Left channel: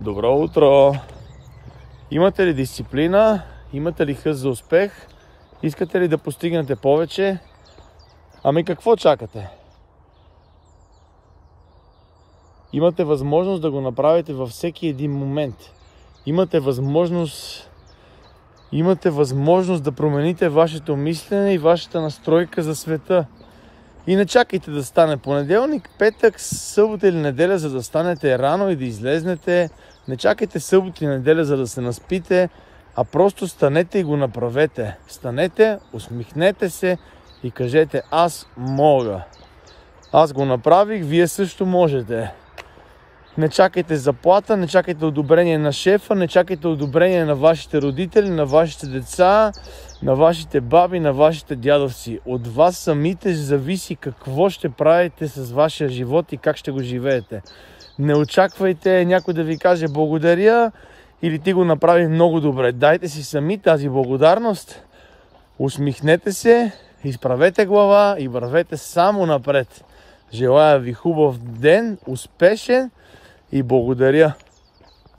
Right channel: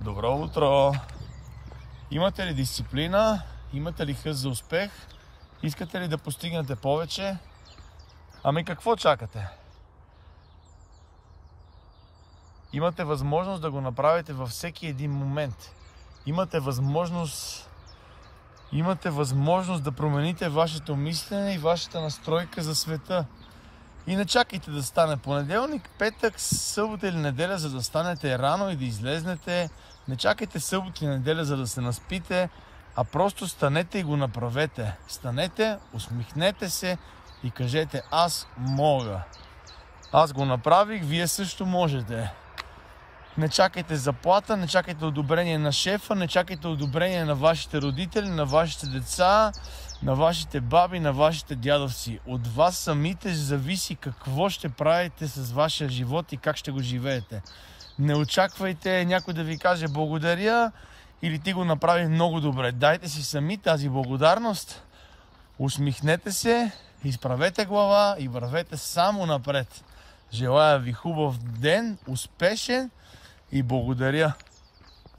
Добро утро! Имате ли дисциплина? Имате ли хъс за успех? Искате ли да постигнете повече? Ами какво чакате? Имате възможност да го направите във всеки един момент. Имате възможност да промените вашето мислене и вашата настройка за света. И не чакайте да стане понеделник, петък, събота или неделя, за да станете рано и да излезнете. Не чакайте събота и неделя, за да се наспите, а просто станете и го направете. Станете, усмихнете се и кажете: аз мога. Аз го направих, вие също можете. Не чакайте заплата, не чакайте одобрение на шефа, не чакайте одобрение на вашите родители, на вашите деца, на вашите баби, на вашите дядовци. От вас самите зависи какво ще правите с вашия живот и как ще го живеете. Не очаквайте някой да ви каже благодаря или ти го направи много добре. Дайте си сами тази благодарност, усмихнете се, изправете глава и вървете само напред. Желая ви хубав ден, успешен и благодаря.